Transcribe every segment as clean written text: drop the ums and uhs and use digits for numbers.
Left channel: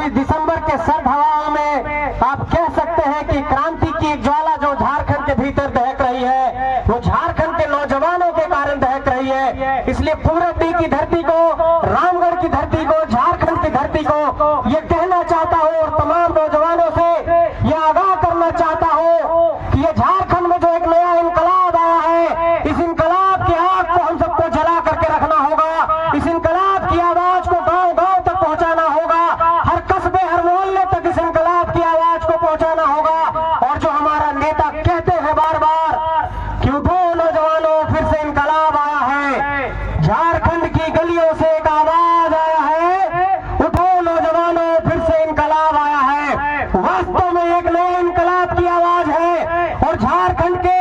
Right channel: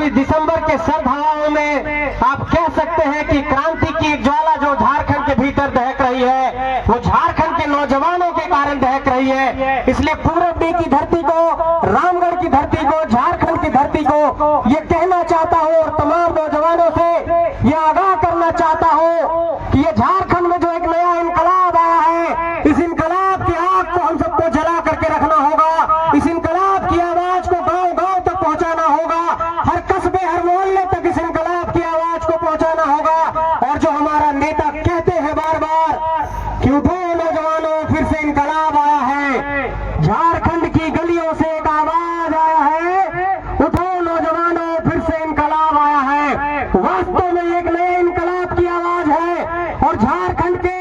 24 दिसंबर के सर्द हवाओं में आप कह सकते हैं कि क्रांति की एक ज्वाला जो झारखंड के भीतर दहक रही है, वो झारखंड के नौजवानों के कारण दहक रही है। इसलिए पूरबी की धरती को, रामगढ़ की धरती को, झारखंड की धरती को ये कहना चाहता हूँ और तमाम नौजवानों से ये आगाह करना चाहता हूँ कि ये झारखंड में जो एक नया इनकलाब आया है, इस इनकलाब की आग को हम सबको जला करके रखना होगा। इस इनकलाब की आवाज को गांव गांव तक पहुंचाना होगा, हर कस्बे हर मोहल्ले तक इस इनकलाब की आवाज को पहुंचाना होगा। और जो हमारा नेता कहते हैं बार बार कि उठो नौजवानों, फिर से इनकलाब आया है, झारखंड की गलियों से एक आवाज आया है, उठो नौजवानों, फिर से इनकलाब आया है। वास्तव में एक नए इनकलाब की आवाज है और झारखंड के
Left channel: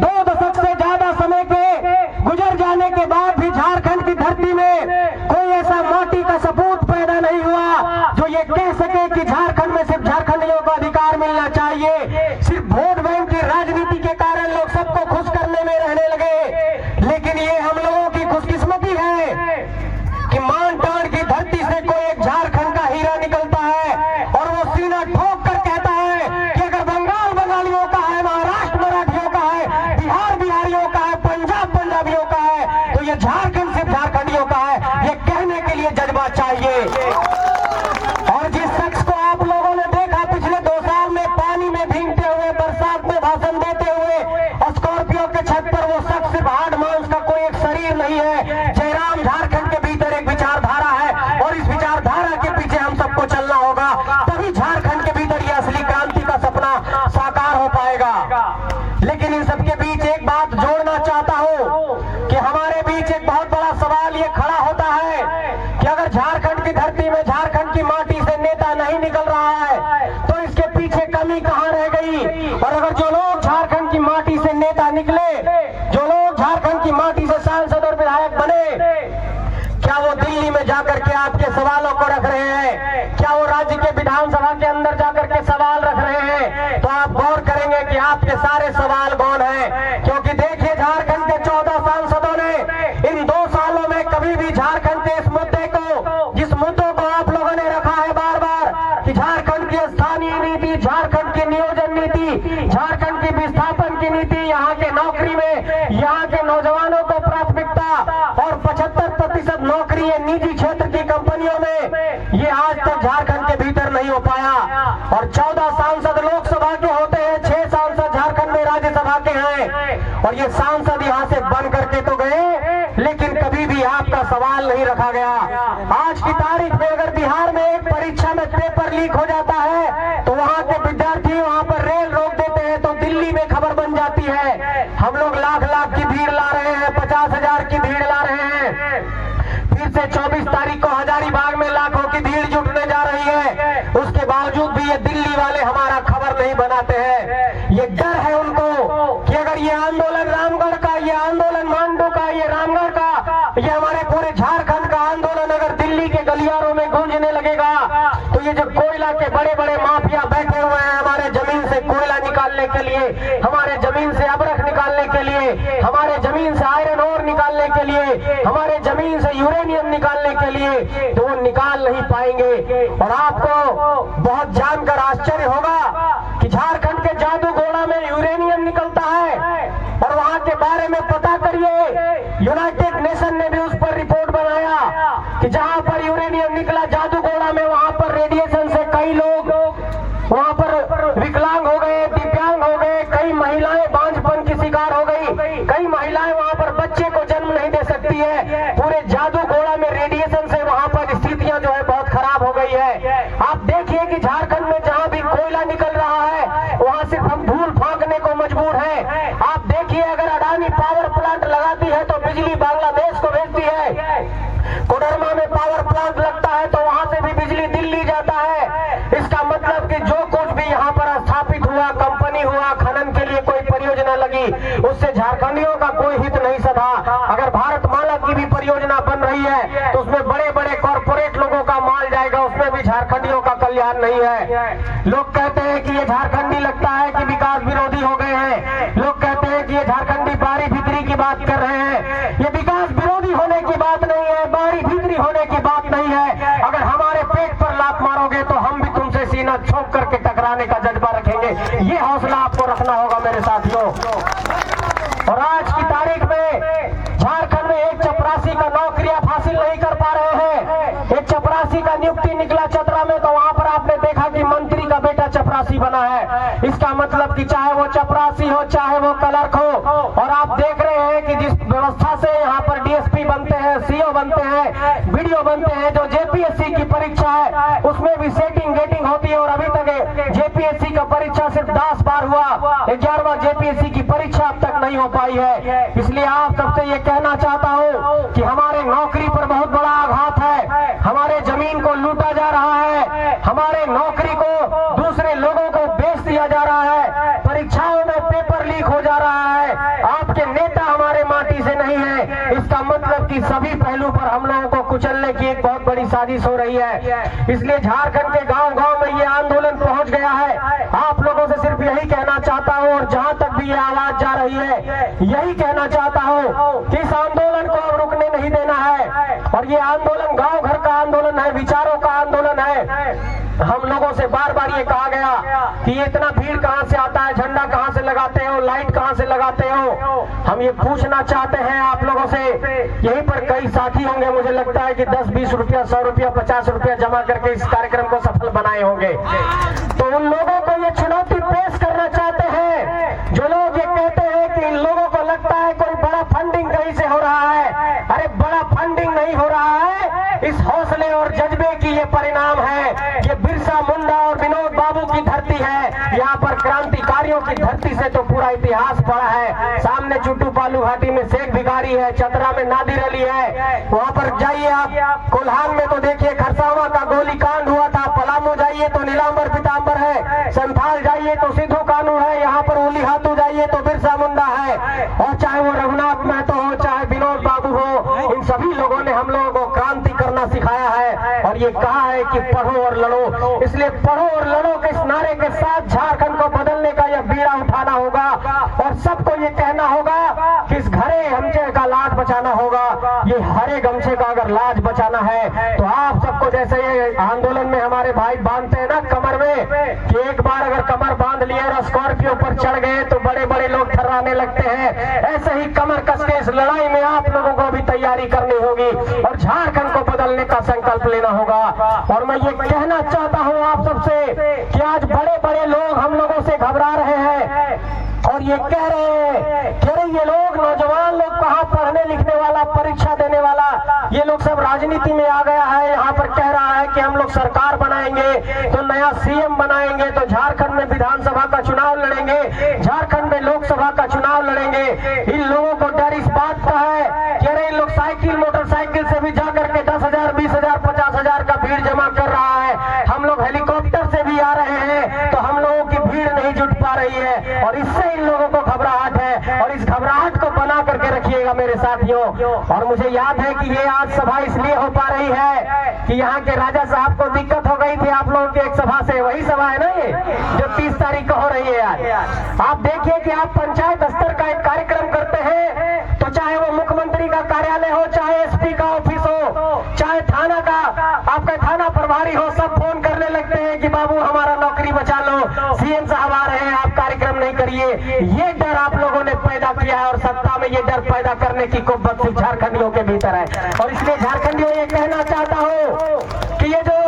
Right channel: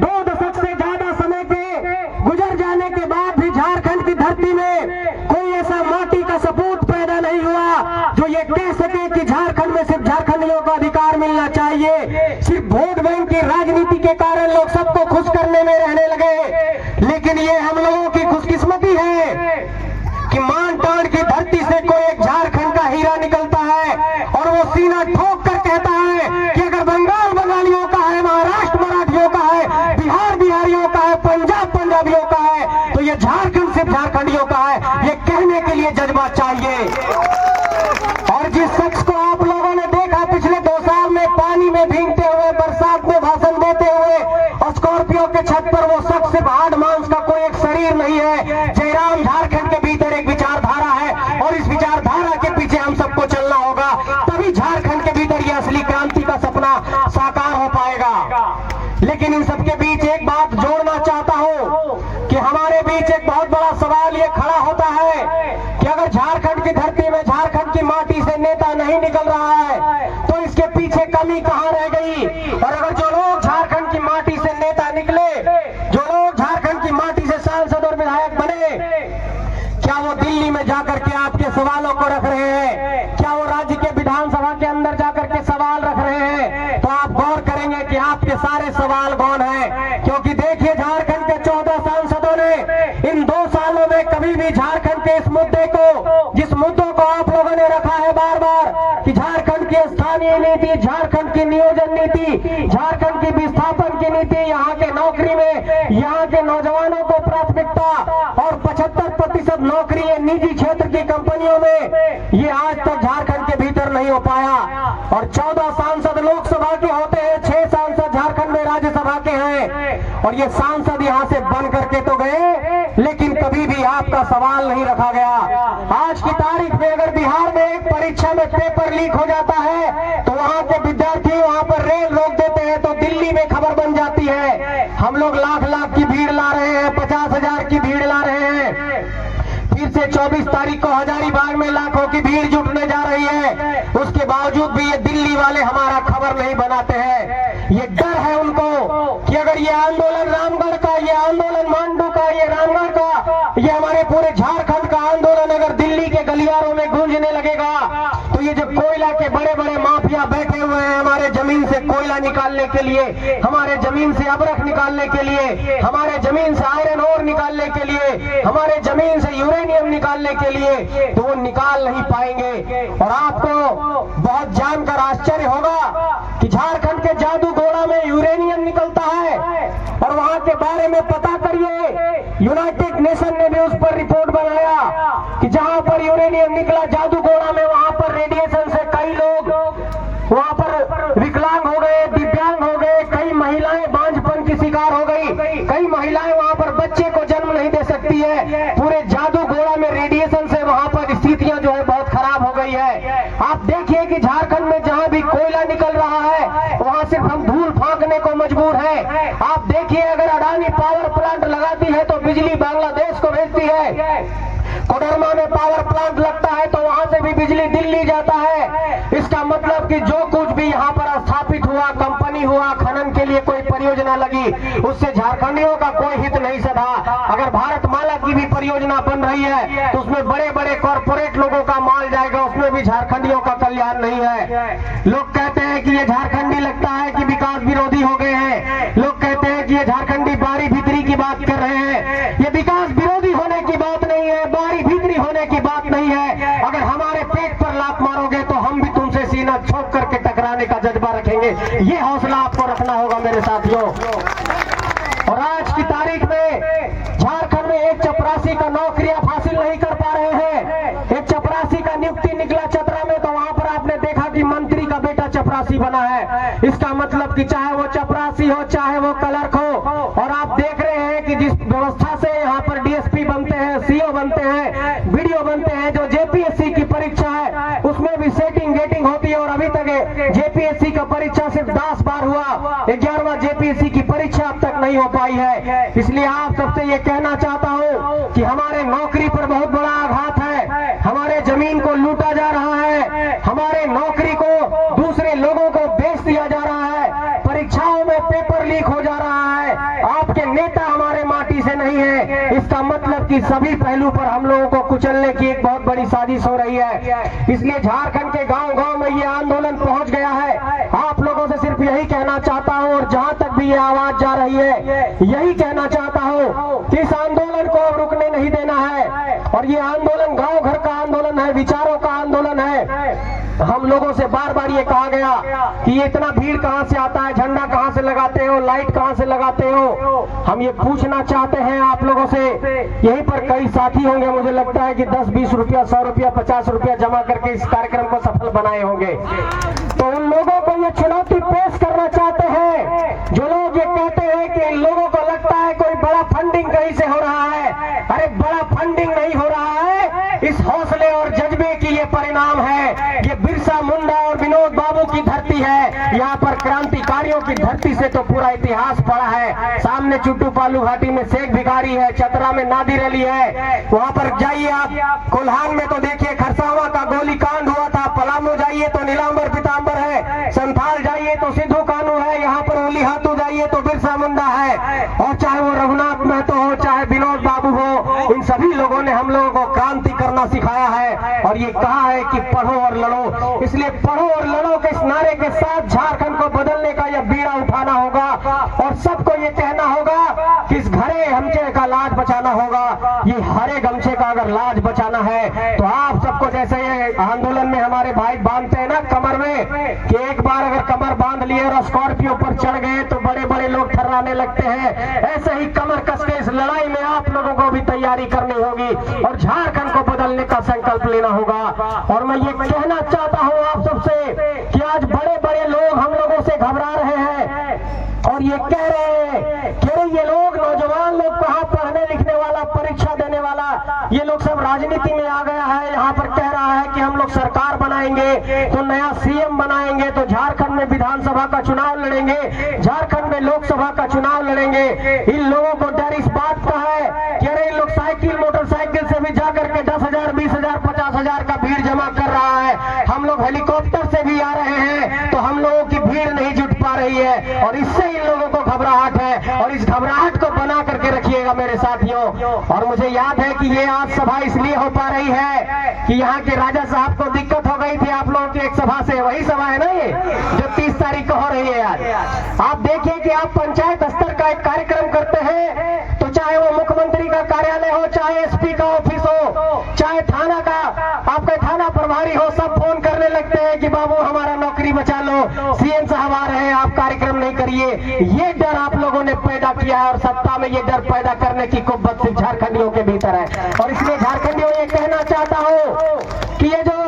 2 दशक से ज्यादा समय के गुजर जाने के बाद भी झारखंड की धरती में कोई ऐसा माटी का सपूत पैदा नहीं हुआ जो ये कह सके कि झारखंड में सिर्फ झारखंडियों को अधिकार मिलना चाहिए। सिर्फ वोट बैंक की राजनीति के कारण लोग सबको खुश करने में रहने लगे, लेकिन ये हम लोगों की खुशकिस्मती है कि मान टाण की धरती से कोई एक झारखंड का हीरा निकलता है और वो सीना ठोक कर कहता है कि अगर बंगाल बंगालियों का है, महाराष्ट्र मराठियों का है, बिहार बिहारियों का है, पंजाब पंजाबियों का है, तो ये झारखंड सिर्फ झारखंडियों का है। ये कहने के लिए जज्बा चाहिए। और जिस शख्स को आप लोगों ने देखा पिछले 2 साल में पानी में भीगते हुए, बरसात में भाषण देते हुए और स्कॉर्पियो के छत पर, वो शख्स सिर्फ हाड़ मांस का कोई एक शरीर नहीं है। जयराम झारखंड के भीतर एक विचारधारा है और इस विचारधारा के पीछे हम सबको चलना होगा, तभी झारखंड के भीतर ये असली क्रांति का सपना साकार हो पाएगा। लेकिन इन सबके बीच एक बात जोड़ना चाहता हूं कि हमारे बीच एक बहुत बड़ा सवाल ये खड़ा होता है कि अगर झारखंड की धरती में, झारखंड की माटी से नेता नहीं निकल रहा है तो इसके पीछे कमी कहां रह गई। और अगर जो लोग झारखंड की माटी से नेता निकले, जो लोग झारखंड की माटी से सांसद और विधायक बने, क्या वो दिल्ली में जाकर के आपके सवालों को रख रहे हैं? क्या वो राज्य के विधानसभा के अंदर जाकर के सवाल रख रहे हैं? तो आप गौर करेंगे कि आपके सारे सवाल गौन हैं, क्योंकि देखिए झारखंड के 14 सांसदों ने इन 2 सालों में कभी भी झारखंड के इस मुद्दे को, जिस मुद्दों को आप लोगों ने रखा है बार बार कि झारखंड की स्थानीय नीति, झारखंड की नियोजन नीति, झारखंड की विस्थापन की नीति, यहाँ के नौकरी में यहाँ के नौजवानों को प्राथमिकता और 75% नौकरी है निजी क्षेत्र की कंपनियों में, ये आज तक झारखंड के भीतर नहीं हो पाया। और 14 सांसद लोकसभा के होते हैं, 6 सांसद झारखंड में राज्यसभा के हैं और ये सांसद यहाँ से बन करके तो गए, लेकिन कभी भी आपका सवाल नहीं रखा गया। आज की तारीख में अगर बिहार में एक परीक्षा में पेपर लीक हो जाता है तो वहाँ के विद्यार्थी वहाँ पर रेल रोक देते हैं, तो दिल्ली में खबर बन जाती है। हम लोग लाख लाख की भीड़ ला रहे हैं, 50,000 की भीड़ ला रहे हैं, फिर से 24 तारीख को हजारीबाग में लाखों की भीड़ जुटने जा रही है। उसके बावजूद भी ये दिल्ली वाले हमारा खबर नहीं बनाते हैं। ये डर है उनको कि अगर ये आंदोलन रामगढ़ का, ये आंदोलन मांडू का, ये रामगढ़ का, ये हमारे पूरे झारखंड का आंदोलन अगर दिल्ली के गलियारों में गूंजने लगेगा तो ये जो कोयला के बड़े बड़े माफिया बैठे हुए हैं हमारे जमीन से कोयला निकालने के लिए, हमारे जमीन से अबरख निकालने के लिए, हमारे जमीन से आयरन ओर निकालने के लिए, हमारे जमीन से यूरेनियम निकालने के लिए, तो वो निकाल नहीं पाएंगे। और आपको बहुत जानकर आश्चर्य होगा कि झारखंड के जादूगोड़ा में यूरेनियम निकलता है और वहां के बारे में पता करिए, यूनाइटेड नेशन ने भी उस पर रिपोर्ट बनाया कि जहां पर यूरेनियम निकला जादूगोड़ा में, वहां पर रेडिएशन से कई लोग वहां पर विकलांग हो गए, दिव्यांग हो गए, कई महिलाएं बांझपन की शिकार हो गई, कई महिलाएं वहां पर बच्चे को जन्म नहीं दे सकती है। पूरे जादूगोड़ा में रेडिएशन से वहां पर स्थितियां जो है बहुत खराब हो गई है। आप देखिए कि झारखंड में जहां भी कोयला निकल रहा है वहां सिर्फ हम धूल फांकने को मजबूर है। आप देखिए अगर अडानी पावर प्लांट लगाती है तो बिजली बांग्लादेश को भेजती है, कोडरमा में पावर प्लांट लगता है तो वहां से भी बिजली दिल्ली जाता है। इसका मतलब कि जो कुछ भी यहाँ पर स्थापित हुआ, कंपनी हुआ, खनन के लिए कोई परियोजना लगी, उससे झारखंडियों का कोई हित नहीं सधा। अगर भारत माला की भी परियोजना बन रही है तो उसमें बड़े बड़े कॉर्पोरेट लोगों का माल जाएगा, उसमें भी झारखंडियों का कल्याण नहीं है। लोग कहते हैं कि ये झारखंडी लगता है कि विकास विरोधी हो गए हैं, लोग कहते हैं कि ये झारखंडी बारी भीतरी की बात कर रहे हैं। ये विकास विरोधी होने की बात नहीं है, बारी भीतरी होने की बात नहीं है। अगर हमारे पेट पर लात मारोगे तो आपको रखना होगा मेरे साथियों। और आज की तारीख में झारखंड में एक चपरासी का नौकरी आप हासिल नहीं कर पा रहे हैं। एक चपरासी का नियुक्ति निकला चतरा में, तो वहां पर आपने देखा कि मंत्री का बेटा चपरासी बना है। इसका मतलब कि चाहे वो चपरासी हो चाहे वो क्लर्क हो, और आप देख रहे हैं कि जिस व्यवस्था से यहाँ पर डीएसपी बनते हैं, सीओ बनते हैं, बीडीओ बनते हैं, जो जेपीएससी की परीक्षा है उसमें भी सेटिंग गेटिंग होती है। और अभी तक जेपीएससी का परीक्षा सिर्फ 10 बार हुआ, 11वां जेपीएससी की परीक्षा अब तक नहीं हो पाई है। इसलिए आप सबसे ये कहना चाहता हूँ कि हमारे नौकरी पर बहुत बड़ा आघात है, हमारे जमीन को लूटा जा रहा है, हमारे नौकरी को दूसरे लोगों को बेच दिया जा रहा है, परीक्षाओं में पेपर लीक हो जा रहा है। आपके नेता हमारे माटी से नहीं है। इसका मतलब कि सभी पहलू पर हम लोगों को कुचलने की एक बहुत बड़ी साजिश हो रही है। इसलिए झारखंड के गांव-गांव में ये आंदोलन पहुंच गया है। आप लोगों से सिर्फ यही कहना चाहता हूं, और जहां तक भी ये आवाज जा रही है यही कहना चाहता हूं कि इस आंदोलन को अब रुकने नहीं देना है। और ये आंदोलन गांव घर का आंदोलन है, विचारों का आंदोलन है। हम लोगों से बार बार ये कहा गया कि ये इतना भीड़ कहां से आता है, झंडा कहां से लगाते हो, लाइट कहां से लगाते हो। हम ये पूछना चाहते हैं आप लोगों से। यहीं पर कई साथी होंगे, मुझे लगता है कि 10-20 रुपया, 100 रुपया, 50 रुपया जमा करके इस कार्यक्रम को सफल बनाए होंगे। तो उन लोगों को ये चुनौती पेश करना चाहते हैं जो लोग ये कहते हैं कि इन लोगों को लगता है कोई बड़ा फंडिंग कहीं से हो रहा है। अरे बड़ा फंडिंग नहीं हो रहा है, इस हौसले और जज्बे की ये परिणाम है। ये बिरसा मुंडा और विनोद बाबू की धरती है। यहाँ पर क्रांतिकारियों की धरती से तो पूरा इतिहास पड़ा है। सामने चुट्टू पालू घाटी में शेख भिखारी है, चतरा में नादिर अली है। वहां पर जाइए आप, कोल्हान में तो देखिए खरसावा का गोलीकांड हुआ था, पलामू जाइए तो नीलांबर पीतांबर है, संथाल जाइए तो सिद्धू कानू है, यहाँ पर ओली हाथू जाइए तो बिरसा मुंडा है। और चाहे वो रघुनाथ महतो हो चाहे विनोद बाबू हो, इन सभी लोगों ने हम लोगों को क्रांति करना सिखाया है और ये कहा है कि पढ़ो और लड़ो। इसलिए पढ़ो और लड़ो के इस नारे के साथ झारखंड को बदलने का यह बीड़ा उठाना होगा और सबको ये कहना होगा कि इस घरे गमछे का लाज बचाना होगा। ये हरे गमछे का अगर लाज बचाना है तो आप सबको, जैसे ये आंदोलन में हमारे भाई बांधते हैं ना कमर में, कि एक बार अगर कमर बांध लिए और स्कॉर्पियो पर चढ़ गए तो बड़े बड़े लोग थर्राने लगते हैं, ऐसे ही कमर कस के इस लड़ाई में आप लोगों को भी तैयारी करनी होगी और झारखंड को बदलने का संकल्प लेना होगा। और मैं ये कहना चाहता हूँ आप सबसे कि आज बड़े बड़े लोग हम लोगों से घबरा रहे हैं और ये कह रहे हैं कि अरे ये लोग नौजवान लोग कहाँ पढ़ने लिखने वाला, परीक्षा देने वाला, ये लोग सब राजनीति में आ गया है। यहाँ पर कह रहा है कि हम लोग सरकार बनाएंगे तो नया सीएम बनाएंगे, तो झारखंड में विधानसभा का चुनाव लड़ेंगे, झारखंड में लोकसभा का चुनाव लड़ेंगे। इन लोगों को डर इस बात का है कि अरे इन लोग साइकिल मोटरसाइकिल से भी जाकर के 10,000, 20,000, 50,000 का भीड़ जमा कर रहा है, हम लोग हेलीकॉप्टर से भी आ रहे हैं तो हम लोगों की भीड़ नहीं जुट पा रही है। और इससे इन लोगों को घबराहट है और इस घबराहट को बना करके रखिएगा मेरे साथियों। और मुझे याद है कि ये आज सभा इसलिए हो पा रही है कि यहाँ के राजा साहब को दिक्कत हो गई थी आप लोगों की एक सभा से, वही सभा है ना ये जो 30 तारीख को हो रही है आज। आप देखिए कि आप पंचायत स्तर का एक कार्यक्रम करते हैं तो चाहे वो मुख्यमंत्री का कार्यालय हो, चाहे एसपी का ऑफिस हो, चाहे थाना का आपका थाना प्रभारी हो, सब फोन करने लगते हैं कि बाबू हमारा नौकरी बचा लो, सीएम साहब आ रहे हैं, आप कार्यक्रम नहीं करिए। ये डर आप लोगों ने पैदा किया है और सत्ता में ये डर पैदा करने की कुव्वत सिर्फ झारखंडियों के भीतर है। और इसलिए झारखंडियों ये कहना चाहता हूँ कि ये जो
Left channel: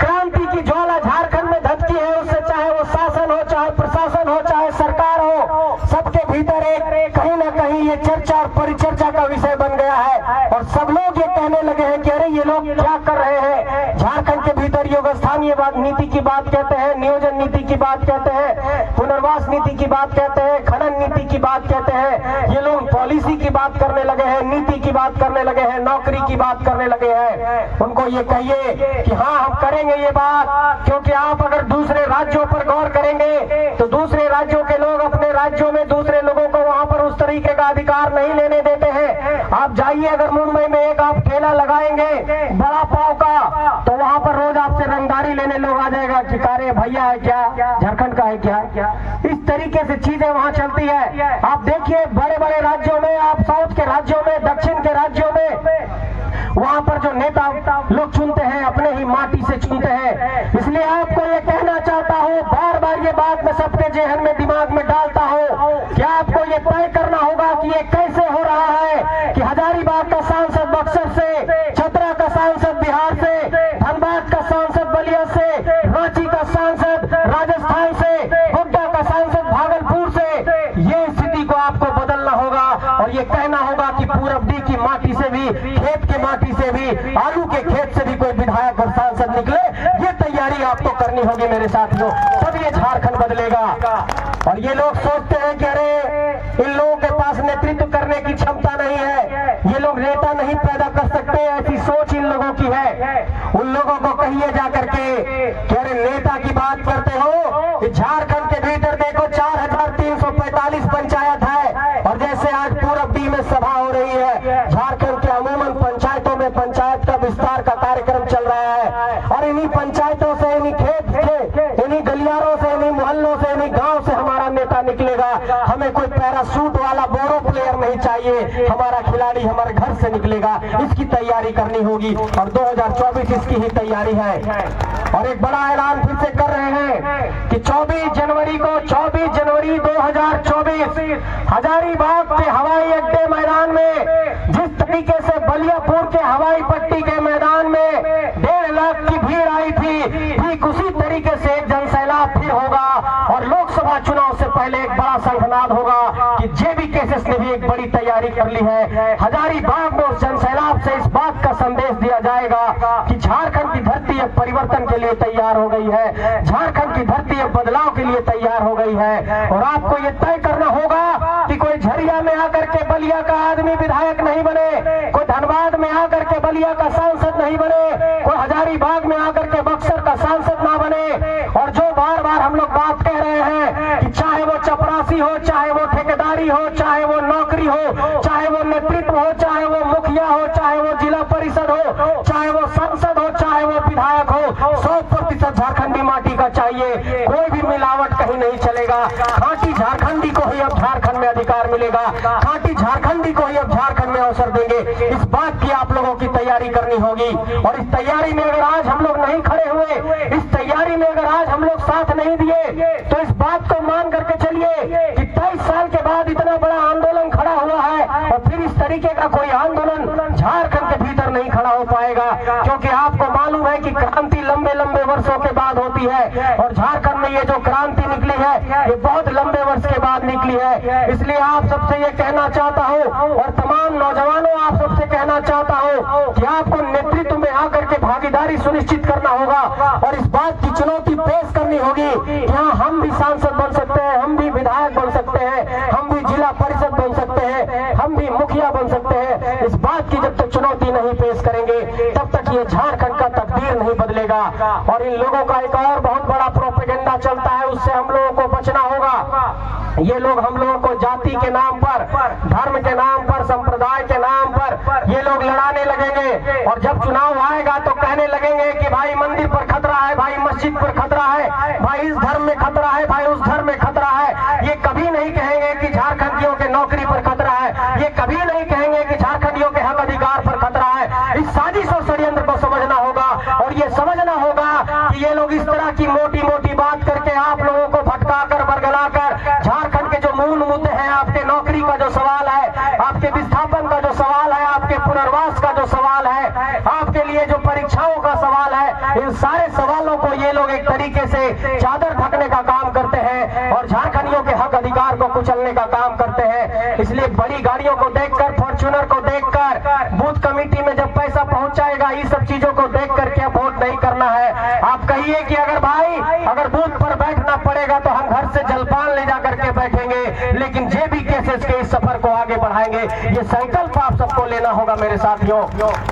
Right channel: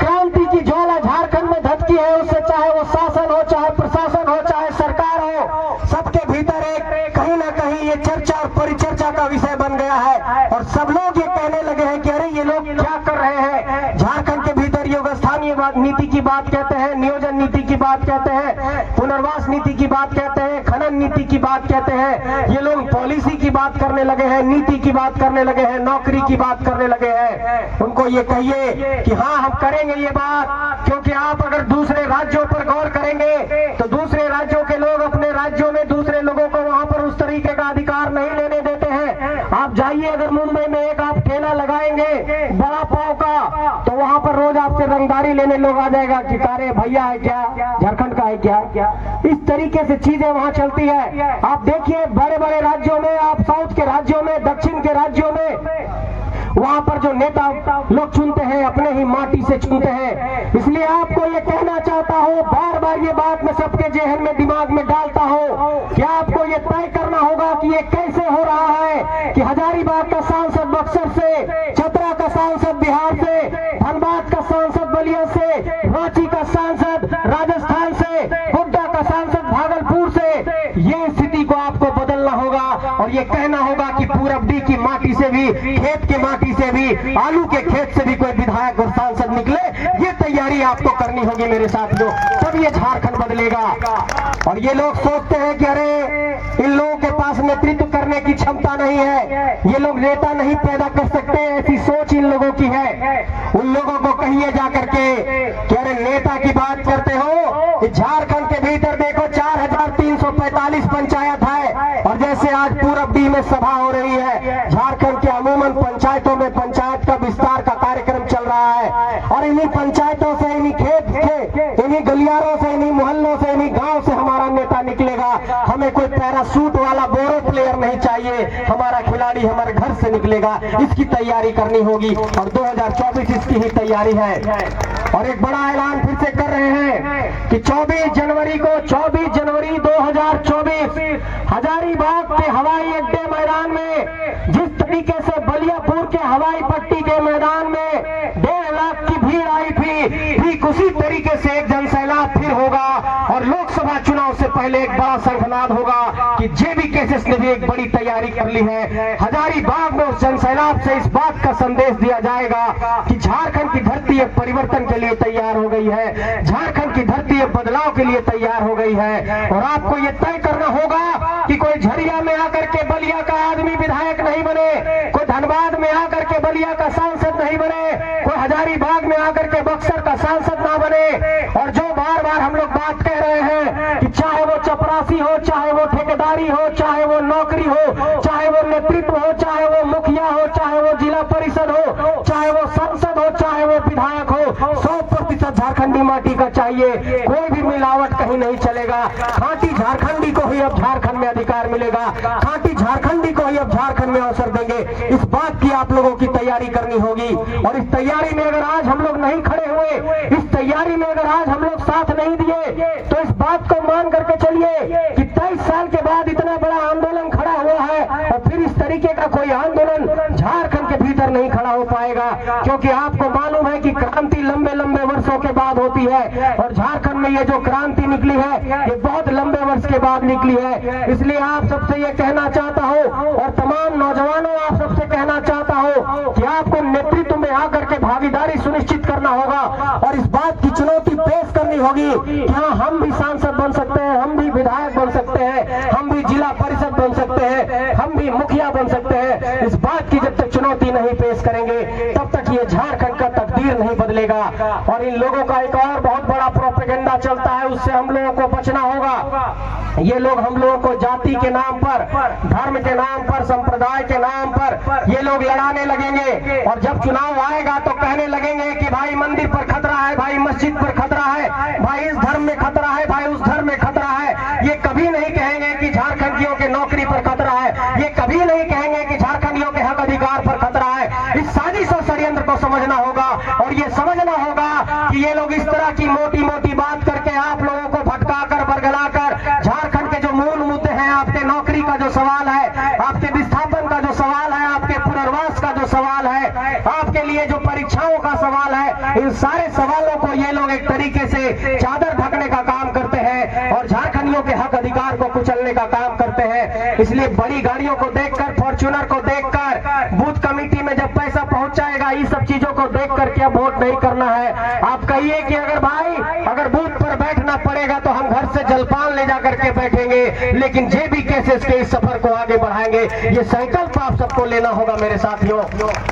क्रांति की ज्वाला झारखंड में धधकी है, उससे चाहे वो शासन हो, चाहे प्रशासन हो, चाहे सरकार हो, सबके भीतर एक कहीं ना कहीं ये चर्चा और परिचर्चा का विषय बन गया है। और सब लोग ये कहने लगे हैं कि अरे ये लोग क्या कर रहे हैं। झारखंड के भीतर योग स्थानीय नीति की बात कहते हैं, नियोजन नीति की बात कहते हैं, पुनर्वास नीति की बात कहते हैं, खनन नीति की बात कहते हैं। ये लोग पॉलिसी की बात करने लगे हैं, नीति की बात करने लगे हैं, नौकरी की बात करने लगे हैं। उनको ये कहिए कि हाँ हम करेंगे ये बात, क्योंकि आप अगर दूसरे राज्यों पर गौर करेंगे तो दूसरे राज्यों के लोग अपने राज्यों में दूसरे लोगों को वहां पर उस तरीके का अधिकार नहीं लेने देते हैं। आप जाइए अगर मुंबई में एक आप ठेला लगाएंगे बड़ा पाव का तो वहां पर रोज आपसे रंगदारी लेने लोग आ जाएगा कि अरे भैया है क्या, झारखंड का है क्या। इस तरीके से चीजें वहां चलती है। आप देखिए बड़े बड़े राज्यों में, आप साउथ के राज्यों में, दक्षिण के राज्यों में, वहां पर जो नेता लोग चुनते हैं अपने ही माटी से चुनते हैं। इसलिए आपको ये कहना चाहता हूँ, बार बार ये बात मैं सबके जहन में दिमाग में डालता हो कि आपको ये तय करना होगा कि ये कैसे हो रहा है कि हजारीबाग का सांसद बक्सर से, चतरा का सांसद बिहार से, धनबाद का सांसद बलिया से, रांची का सांसद राजस्थान से, गोड्डा का सांसद भागलपुर से, ये स्थिति को आपको बदलना होगा और ये कहना होगा कि पूरबडी की माटी से भी, खेत की माटी से भी, आलू के खेत से भी कोई विधायक और सांसद निकले, ये तैयारी आपको करनी होगी मेरे साथियों, तब ये झारखंड बदलेगा। और ये लोग सोचते हैं कि अरे इन लोगों के पास नेतृत्व करने की क्षमता नहीं है, ये लोग नेता नहीं पैदा कर सकते, ऐसी सोच इन लोगों की है। उन लोगों को कहिए जाकर के कि अरे नेता की बात करते हो कि झारखंड के भीतर देखो 4345 पंचायत है और जैसे आज पूरबडी में सभा हो रही है, झारखंड के अमूमन पंचायतों में पंचायत का विस्तार का कार्यक्रम चल रहा है और इन्हीं पंचायतों से, इन्हीं खेत से, इन्हीं गलियारों से, इन्हीं मोहल्लों से, इन्हीं गांव से हमारा नेता निकलेगा। हमें कोई पैरासूट वाला बोरो प्लेयर नहीं चाहिए, हमारा खिलाड़ी हमारे घर से निकलेगा। इसकी तैयारी करनी होगी और 2024 इसकी ही तैयारी है। और एक बड़ा ऐलान फिर से कर रहे हैं कि 24 जनवरी को, 24 जनवरी 2024 हजारीबाग के हवाई अड्डे मैदान में जिस तरीके से बलियापुर के हवाई पट्टी के मैदान में 1.5 लाख की भीड़ आई थी, ठीक उसी तरीके से एक जनसैलाब फिर होगा और लोकसभा चुनाव से पहले एक बड़ा शंखनाद होगा कि जेबी केसेस ने भी एक बड़ी तैयारी कर ली है। हजारीबाग में उस जनसैलाब से इस बात का संदेश दिया जाएगा कि झारखंड की धरती एक परिवर्तन के लिए तैयार हो गई है, झारखंड की धरती एक बदलाव के लिए तैयार हो गई है। और आपको ये तय करना होगा कि कोई झरिया में आकर के बलिया का आदमी विधायक नहीं बने, कोई धनबाद में आकर के बलिया का सांसद नहीं बने, कोई हजारीबाग में आकर के बक्सर का सांसद ना बने। और जो बार बार हम लोग बात कह रहे हैं कि चाहे वो चपरासी हो, चाहे वो ठेकेदारी हो, चाहे वो नौकरी हो, चाहे वो नेतृत्व हो, चाहे वो मुखिया हो, चाहे वो जिला परिषद हो, चाहे वो सांसद हो, चाहे वो विधायक हो, 100% झारखंडी माटी का चाहिए। कोई भी मिलावट कहीं नहीं चलेगा। खांटी झारखंडी को ही अब झारखंड में अधिकार मिलेगा, खांटी झारखंडी को ही अब झारखंड में अवसर देंगे। इस बात की आप लोगों की तैयारी करनी होगी और इस तैयारी में अगर आज हम लोग नहीं खड़े हुए, इस तैयारी में अगर आज हम लोग साथ नहीं दिए, तो इस बात को मान करके चलिए कि 23 साल के बाद इतना बड़ा आंदोलन खड़ा हुआ है और फिर इस तरीके का कोई आंदोलन झारखंड के भीतर नहीं खड़ा हो पाएगा। क्योंकि आपको मालूम है कि क्रांति लंबे लंबे वर्षों के बाद होती है और झारखंड में ये जो क्रांति निकली है ये बहुत लंबे वर्ष के बाद निकली है। इसलिए आप सबसे ये कहना चाहता हूँ और तमाम नौजवानों आप सबसे कहना चाहता हूँ कि आपको नेतृत्व में आकर के भागीदारी सुनिश्चित करना होगा और इस बात की चुनौती पेश करनी होगी कि हाँ, हम भी सांसद बन सकते हैं, हम भी विधायक बन सकते हैं, हम भी जिला परिषद बन सकते हैं, हम भी मुखिया बन सकते हैं। इस बात की जब तक चुनौती नहीं पेश करेंगे तब तक ये झारखंड का तकदीर नहीं बदलेगा। और इन लोगों का एक और बहुत बड़ा प्रोपेगेंडा चलता है, उससे हम लोगों को बचना होगा। ये लोग हम लोगों को जाति के नाम पर, धर्म के नाम पर, संप्रदाय के नाम पर ये लोग लड़ाने लगेंगे और जब चुनाव आएगा तो कहने लगेंगे कि भाई मंदिर पर खतरा है, भाई मस्जिद पर खतरा है, भाई इस धर्म में खतरा है, भाई उस धर्म में खतरा है। ये कभी नहीं कहेंगे कि झारखंडियों के नौकरी पर खतरा है, ये कभी नहीं कहेंगे कि झारखंडियों के हक अधिकार पर खतरा है। इस साजिश और षड्यंत्र को समझना होगा और ये समझना होगा कि ये लोग इस तरह की मोटी मोटी बात करके आप लोगों को भटकाकर, बरगलाकर झारखंड के जो मूल मुद्दे हैं, आपके नौकरी का जो सवाल है, आपके विस्थापन का जो सवाल है, आपके पुनर्वास का जो सवाल है, आपके लिए जो परीक्षाओं का सवाल है, इन सारे सवालों को ये लोग एक तरीके से चादर ढकने का काम करते हैं और झारखंडियों के हक अधिकार को कुचलने का काम करते हैं। इसलिए बड़ी गाड़ियों को देखकर, फॉर्च्यूनर को देखकर, बूथ कमेटी में जब पैसा पहुंच जाएगा, ये सब चीजों को देख करके वोट नहीं करना है। आप कहिए कि अगर भाई अगर बूथ पर बैठना पड़ेगा तो हम घर से जलपान ले जा करके बैठेंगे, लेकिन जेबी केसेस के इस सफर को आगे बढ़ाएंगे। ये संकल्प आप सबको लेना होगा मेरे साथियों,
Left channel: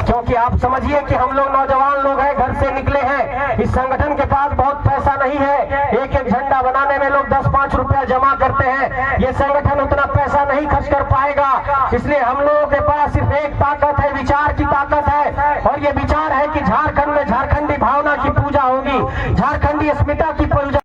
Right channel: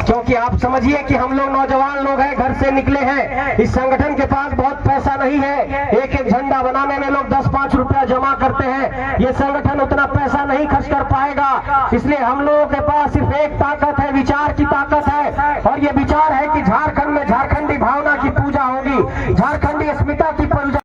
क्योंकि आप समझिए कि हम लोग नौजवान लोग हैं, घर से निकले हैं, इस संगठन के पास बहुत पैसा नहीं है। एक एक झंडा बनाने में लोग 10-5 रुपया जमा करते हैं, ये संगठन उतना पैसा नहीं खर्च कर पाएगा। इसलिए हम लोगों के पास सिर्फ एक ताकत है, विचार की